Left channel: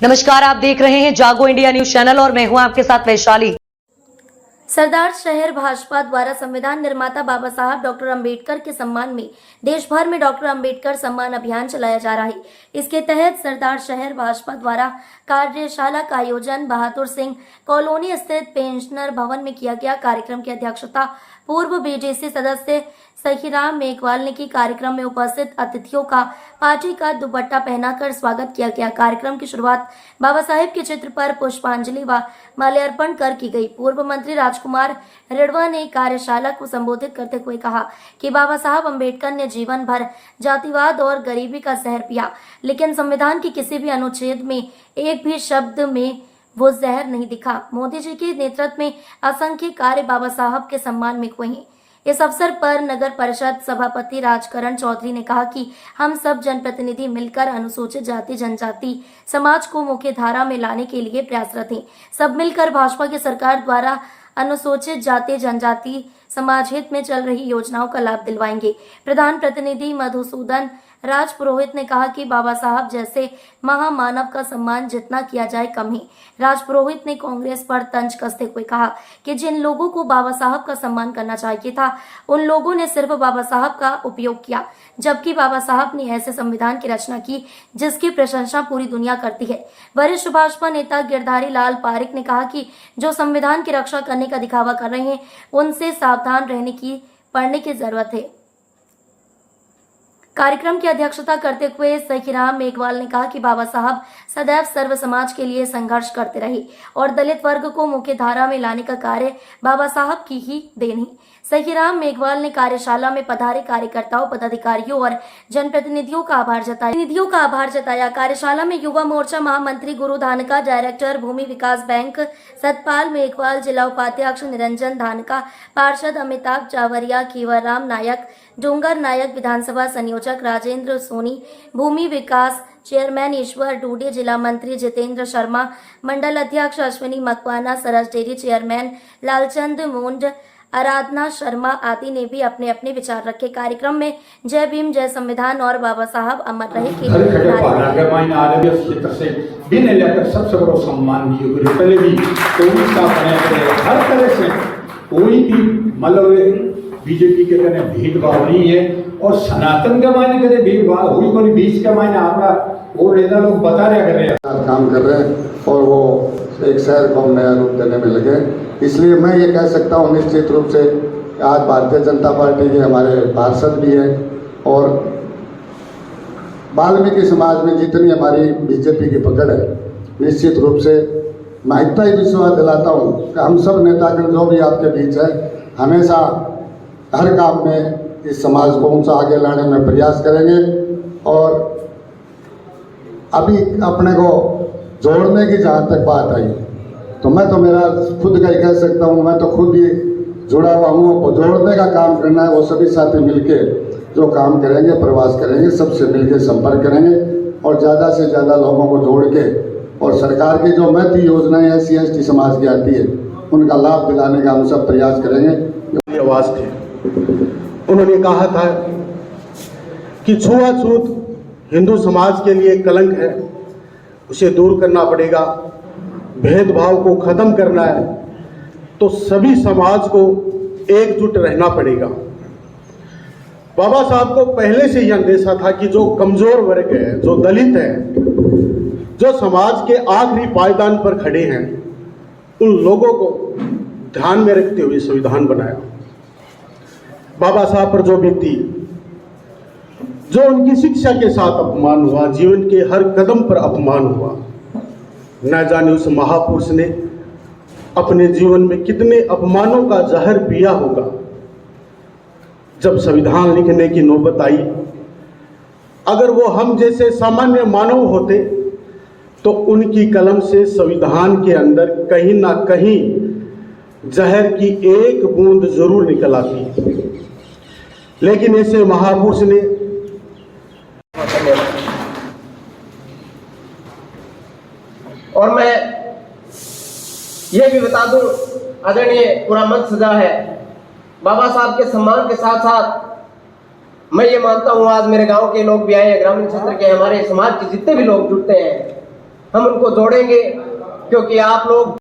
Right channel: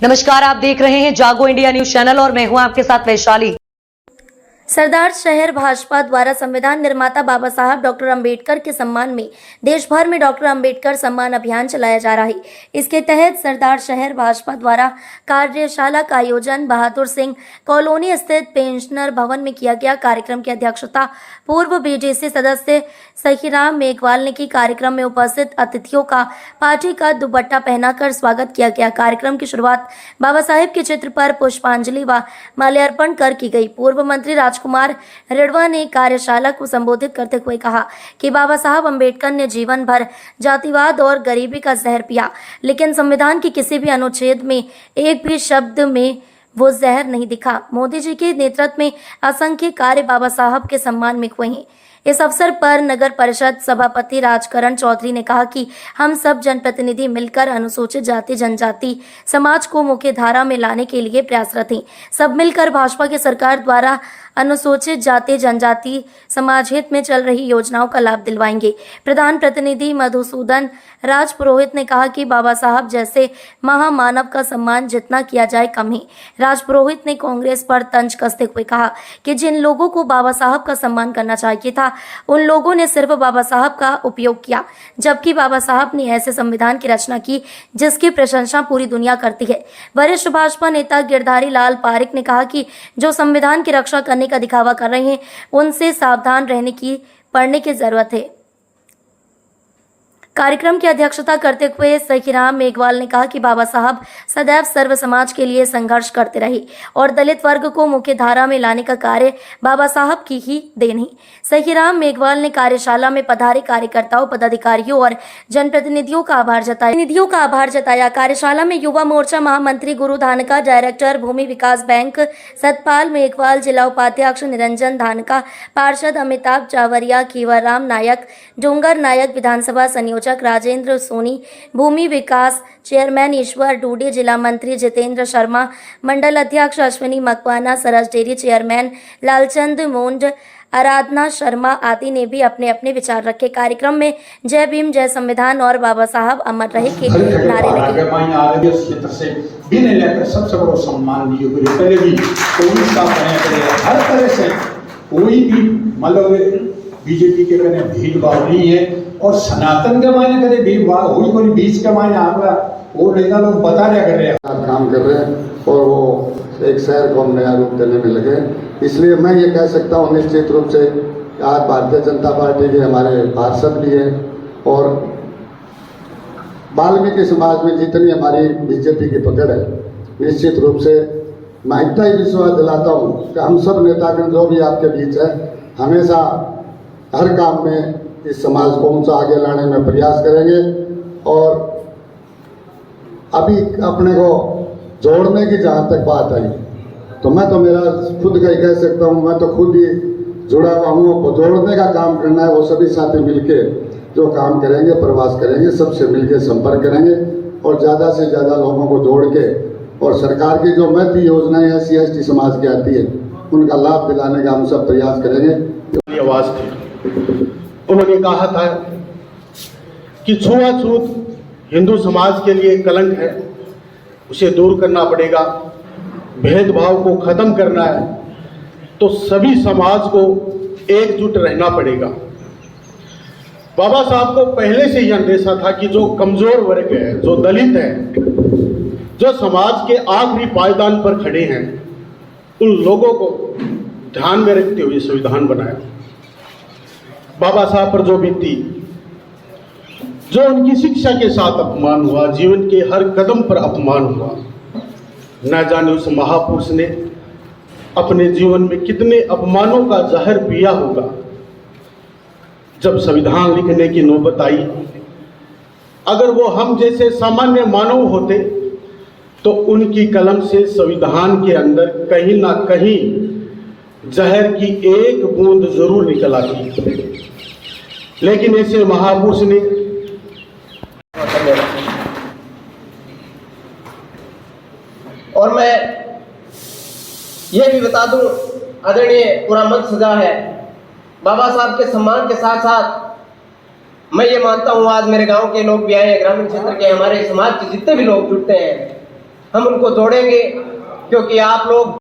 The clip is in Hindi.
नमस्कार, आप देख रहे हैं जागो इंडिया न्यूज चैनल और मैं हूं आपके साथ वैशाली। सरदार शहर भाजपा द्वारा संविधान निर्माता बाबा साहब डॉक्टर अंबेडकर के सम्मान में देश भर में डॉक्टर अंबेडकर सम्मान अभियान चलाया जा रहा है। इसके तहत सरदार शहर भाजपा द्वारा कार्यशाला का आयोजन बहादुर सिंह कॉलोनी स्थित पेंशनर भवन में किया गया। कार्यक्रम की अध्यक्षता पूर्व बीजेसी सदस्य सहीराम मेघवाल ने की। कार्यक्रम में उपस्थित अतिथियों का पार्टी का दुपट्टा पहनाकर स्वागत किया गया। कार्यक्रम की शुरुआत बाबा साहेब के चित्र पर पुष्पांजलि व माल्यार्पण कर की गई। पूर्व मंत्री राजकुमार रिड़वा ने कार्यशाला को संबोधित करते हुए कहा कि बाबा साहब अंबेडकर ने जीवन भर जातिवाद और गरीबी का जहर पिया, लेकिन संविधान के किसी भी अनुच्छेद में एक भी शब्द में वो जहर नहीं दिखा। मोदी जी के नेतृत्व में असंख्य कार्य बाबा साहब के सम्मान में हुए हैं। इस अवसर पर नगर परिषद सभापति राजकरण चौधरी ने कहा कि हम सब जनप्रतिनिधि मिलकर अनुसूचित जाति जनजाति समाज को मुख्य धारा में लाने के लिए प्रयासरत हैं। सब मिलकर भाजपा की सरकार द्वारा अनुसूचित जाति जनजाति समाज हित में चल रही योजनाओं का लाभ दिलवाएंगे। प्रधान प्रतिनिधि मधुसूदन राज पुरोहित ने कहा कि बाबा साहब जैसे महामानव का सम्मान जितना किया जाए कम है। राज पुरोहित ने कांग्रेस पर तंज कसते हुए कहा कि जिन लोगों को बाबा साहब का सम्मान करना चाहिए था, उन लोगों ने सिर्फ बाबा साहब का उपयोग किया, जबकि बाबा साहब ने ऐसे संविधान की रचना की जिसकी प्रशंसा पूरी दुनिया करती है। वरिष्ठ भाजपा नेता गिरधारी लाल पारिक ने कहा कि जो संविधान की रक्षा करने का दिखावा कर रहे हैं, उनसे सावधान रहने की पड़ने की जरूरत है। कार्यक्रम की अध्यक्षता करते हुए सहीराम मेघवाल ने कहा कि बाबा साहब सदैव सर्व समाज के लिए संघर्ष करते रहे और दलित वर्ग को मुख्य धारा में लाने का कार्य बाबा साहब की ही देन है। सहीराम मेघवाल ने कार्यशाला में पधारे कार्यकर्ताओं, पदाधिकारियों और जनप्रतिनिधियों का आभार जताया। कार्यशाला में युवा मोर्चा महामंत्री गुरु धानका, डायरेक्टर भूमि विकास बैंक सतपाल मेघवाल, जिला उपाध्यक्ष निरंजन धानका, पार्षद अमिताभ चावरिया, खीवरराम नायक, डूंगर नायक, विधानसभा संयोजक राजेंद्र सोनी, भूमि विकास चेयरमैन ईश्वर डूडे, जिला मंत्री जितेंद्र शर्मा, मंडल अध्यक्ष अश्विनी मकवाना, सरस डेयरी चेयरमैन लालचंद मोंड, आराधना शर्मा आदि ने भी अपने अपने विचार रखे। कार्यक्रम में जय भीम, जय संविधान और बाबा साहब अमर रहे के नारे सबसे बड़ा सम्मान पहले भी हर तरह से कोई भी मतलब बीजेपी के कहने भेदभाव नहीं है और सनातन के मायने करे भेदभाव हुई कोई बीच के मायने आपका वो नेता लोग बता रहा कर रहे हैं, काम कर रहे हैं और वो एक शहर को नया रूप देने में लगे। इसलिए मैं ये कह सकता हूँ निश्चित रूप से आज भारतीय जनता पार्टी के हमारे पार्षद भी हैं और वाल्मीकि समाज में जितनी हमारी बीजेपी की पकड़ है, निश्चित रूप से मैं इतना ही विश्वास दिलाता हूँ कि हम सब नेतागण जो भी आपके बीच है हमेशा हर काम में इस समाज को ऊंचा आगे लाने में प्रयास करेंगे और अभी अपने को जोड़ने की जहाँ तक बात आई तो मैं तो मेरा खुद का ही कह सकता हूँ, मैं तो खुद ही जुड़ा हुआ हूँ। वो जोड़ने का काम करना है, वो सभी साथी मिलके जो काम करेंगे, प्रवास करेंगे, सबसे मिलके संपर्क करेंगे और ज़्यादा से ज़्यादा लोगों को जोड़ के और सरकार की जो महती योजनाएं SC/ST समाज की आती है उनका लाभ दिलाने का हम सब प्रयास करेंगे। आवाज थी, उन्होंने कहा था कि छुआछूत हिंदू समाज के लिए कलंक है, उसे दूर करना पड़ेगा, भेदभाव को खत्म करना है तो सभी समाज को एकजुट रहना पड़ेगा। बाबा साहब को पहले से ही अंदेशा था कि जो कमजोर वर्ग है, जो दलित है, जो समाज के आखिरी पायदान पर खड़े हैं, उन लोगों को ध्यान में रखते हुए संविधान बनाया। बाबा साहब पर जो बीती, जो उनकी शिक्षा के साथ अपमान हुआ, जीवन के हर कदम पर अपमान हुआ, न जाने उस महापुरुष ने अपने जीवन में कितने अपमानों का जहर पिया होगा। जब संविधान लिखने की नौबत आई, अगर वो हम जैसे सामान्य मानव होते तो उनकी कलम से संविधान के अंदर कहीं ना कहीं जहर की एक बूंद जरूर निकल आती, लेकिन ऐसे महापुरुष ने और मैं ये भी बता दूं, आदरणीय पूरा मंच सजा है बाबा साहब के सम्मान के साथ साथ मैं ये मानता हूँ आज मेरे गांव के लोग भी आए हैं, ग्रामीण क्षेत्र के हमारे समाज के जितने भी लोग जुटते हैं हम उनको जोड़ेंगे, क्योंकि आप लोग